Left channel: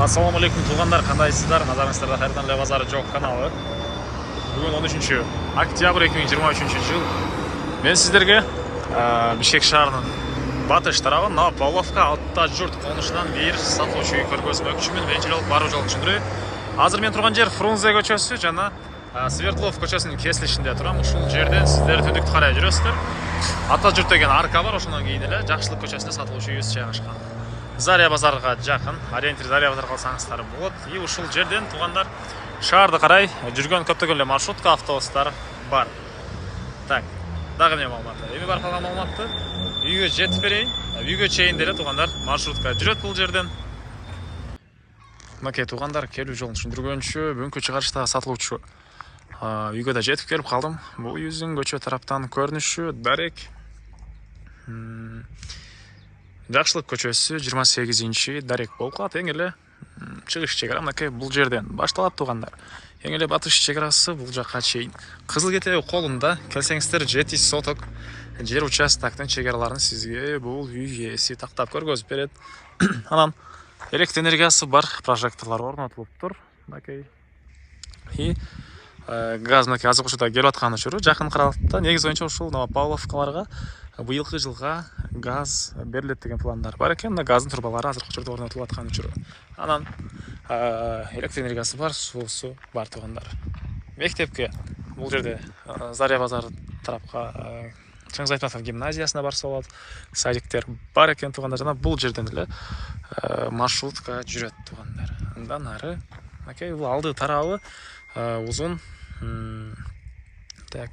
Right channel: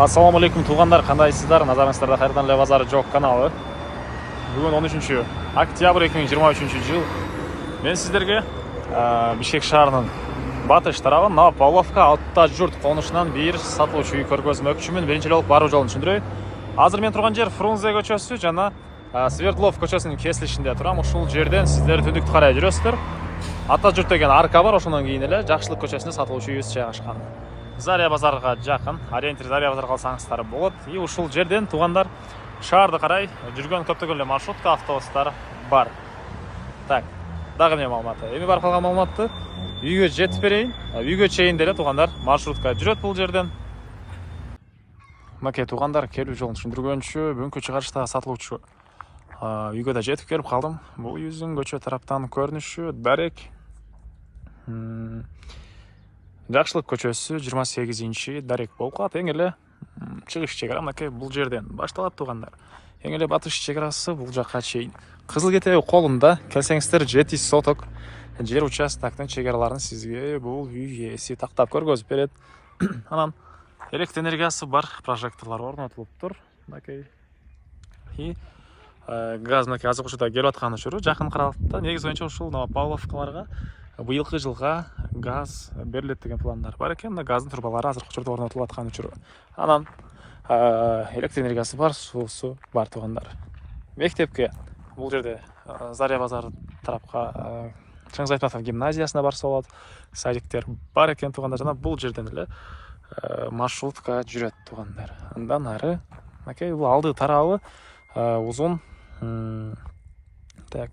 Ассаламу алейкум туғандар, қандайсыздар? Назарыңыздарда қайырдан Ле базары жоқ каналы. Бүгін 13 октябрь 2023 жыл. Мен сіздерге Бишкек шаарынын батыш тарабы мына Павловка Алтта жұрт қонышынан бир сатылуучу үй көргөзмөкчүмүн. Биринчи жолу баруу жолун түшүндүрөй. Азыр мен турган жер Фрунзе көчөсү жана Свердлов көчөсүнүн кесилишинде турам. Ушул жерден сиздер түндүктү карай жүрөсүздөр. Ата жұрт деген арка бар, ошондон кийин эле Жакшылык көчөсүнө сатылуучу үйүбүз жайгашкан. Заря базарга жакын, ориентир Заря базарга алсаңыздар болот. И ушул жерден тугандар шаарды карай жүргөн көптөгөн эле маршрутка, автобустар бар. Так, дагы эмне маалыматы? Эми бар калган маалыматты үйгө жетип берейин. Үйгө чейин деле тугандар маршрутка жүрөт бул жерден. Мынакей тугандар келүү жолун түшүндүргөнчү, бүгүнкү чыгарышта сатылуучу үйгө да жетип келип калдым. Бул үйүбүздүн көчө тараптан көрүнүшү дарек. Жакшылык көчөсү 28-чи дарек болуп калат. Эң эле чыгыш чек ара мынакей бул жерден башталат тугандар. Эң эле батыш чек арасы бул жакка чейин. Кызыл кетеби колунда келсеңиздер 7 соток жер участоктун чек араларын сизге бул үй ээси тактап көргөзүп берет. Анан электр энергиясы бар, прожекторлор орнотулуптур. Мынакей. И газ мынакей азыр учурда келип аткан учуру жакын каралыкта. Негизи боюнча ушул Павловкаларга быйылкы жылга газ берилет деген пландар бар экен. Мына газдын турбалары азыркы учурда орнотулуп аткан учуру. Анан электр энергиясы бар, суусу бар тугандар. Мектепке бул жерде Заря базары тарапка Чыңгыз Айтматов гимназиясына барса болот. Садиктер бар экен тугандар. Жана бул жерден эле маршрутка жүрөт тугандар. Андан ары мынакей бул алды тарабы узун. Так.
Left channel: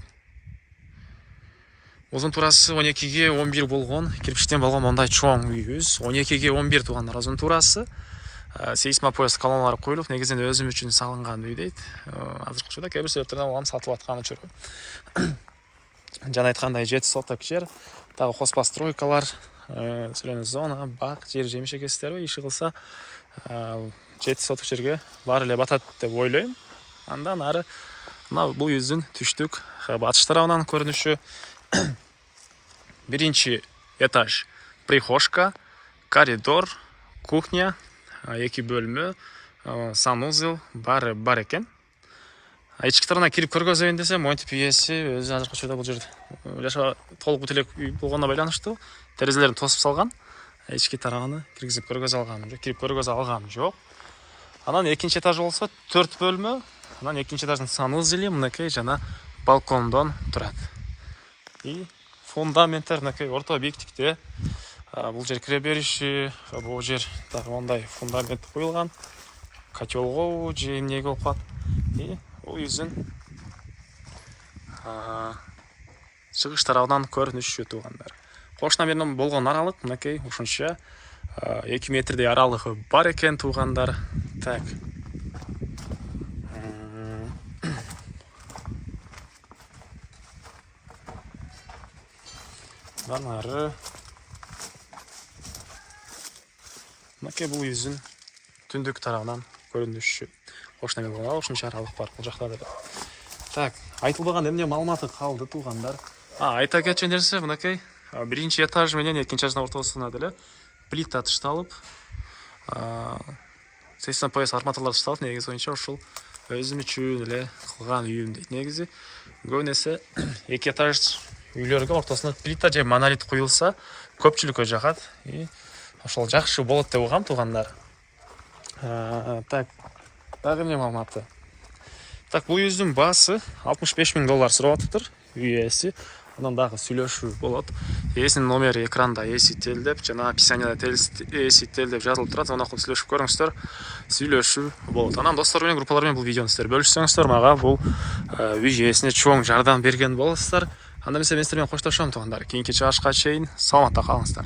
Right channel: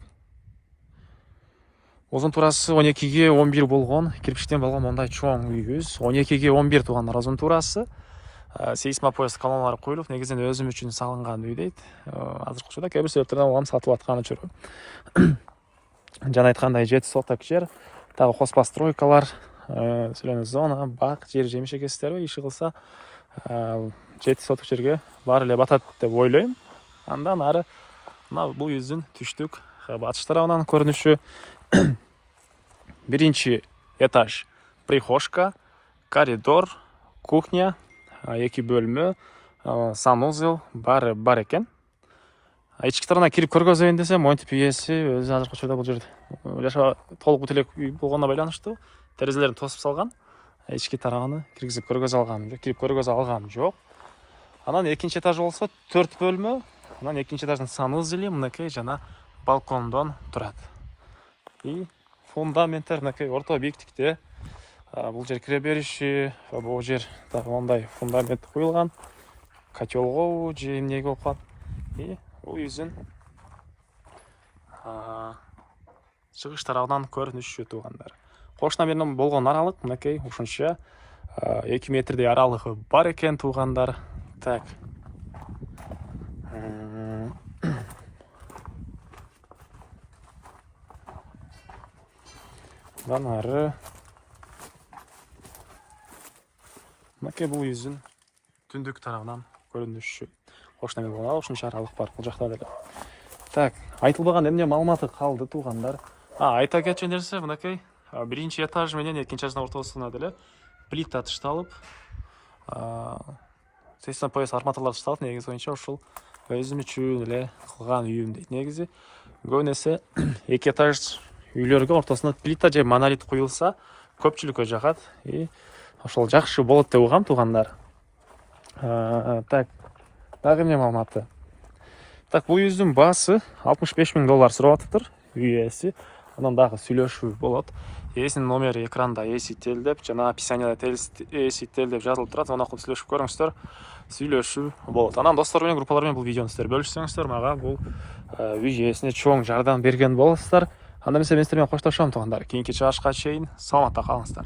Узун турасы 12-ге 11 болгон, кирпичтен болгон мондай чоң үйүбүз. 12-ге 11 тугандар узун турасы. Сейсмопояс колоналары коюлуп, негизинен өзүм үчүн салынган үй дейт. Азыркы учурда кээ бир себептерден улам сатылып аткан учуру. Жана айткандай 7 соток жер, дагы хозпа стройкалар, зеленый зона, бак, жер жемиш экесиздерби, иши кылса 7 соток жерге баары эле батат деп ойлойм. Андан ары мына бул үйүбүздүн түштүк батыш тарабынан көрүнүшү. Биринчи этаж прихожка, коридор, кухня, 2 бөлмө, санузел баары бар экен. Ички тарабына кирип көргөзөйүн десем, монтип ээси өзү азыркы учурда бул жерде жаша толук бутелек үй болгонуна байланыштуу терезелерин тосуп салган. Ички тарабын киргизип көргөзө алганым жок, кирип көргөзө алганым жок. Анан экинчи этаж болсо 4 бөлмө, анан экинчи этаждын санузели мынакей жана балкондон турат. И фундаменттер мынакей орто бийиктикте. Бул жер кире бериши, бул жер дагы мондай фундамент куюлган. Котелго же эмнеге болуп калат. И бул үйүбүздүн чыгыш тарабынан көрүнүшү тугандар. Кошуна менен болгон аралык мынакей ушунча 2 метрдей аралыгы бар экен тугандар. Так. Андан ары мынакей бул үйүбүздүн түндүк тарабынан көрүнүшү. Кошуна менен болгон ушунча аралык бар бул жакта деле. Так, айтылбаган эмне маалыматы калды тугандар? Айта кетчү нерсе мынакей биринчи этаж менен экинчи этаждын ортосуна деле плита тышталып, сейсмопояс арматуралар тышталып, негизи боюнча ушул өзүм үчүн эле кылган үйүм дейт. Негизи көбүнесе 2 этаж үйлөргө ортосуна плита же монолит куюлса көпчүлүккө жагат. И ошол жакшы болот деп угам тугандар. Так, дагы эмне маалыматы? Так, бул үйүбүздүн баасы $65,000 сурап атыптыр үй ээси. Андан дагы сүйлөшүү болот. Ээсинин номери экранда ээсител деп жана описанияда ээсител деп жазылып турат. Аны окуп сүйлөшүп көрүңүздөр. Сүйлөшүү болот. Анан достор менен, группалар менен бул видеону сиздер бөлүшсөңүздөр, мага бул үй ээсине чоң жардам берген болосуздар. Анда мен сиздер менен коштошом тугандар. Кийинки чыгарышка чейин саламатта калыңыздар.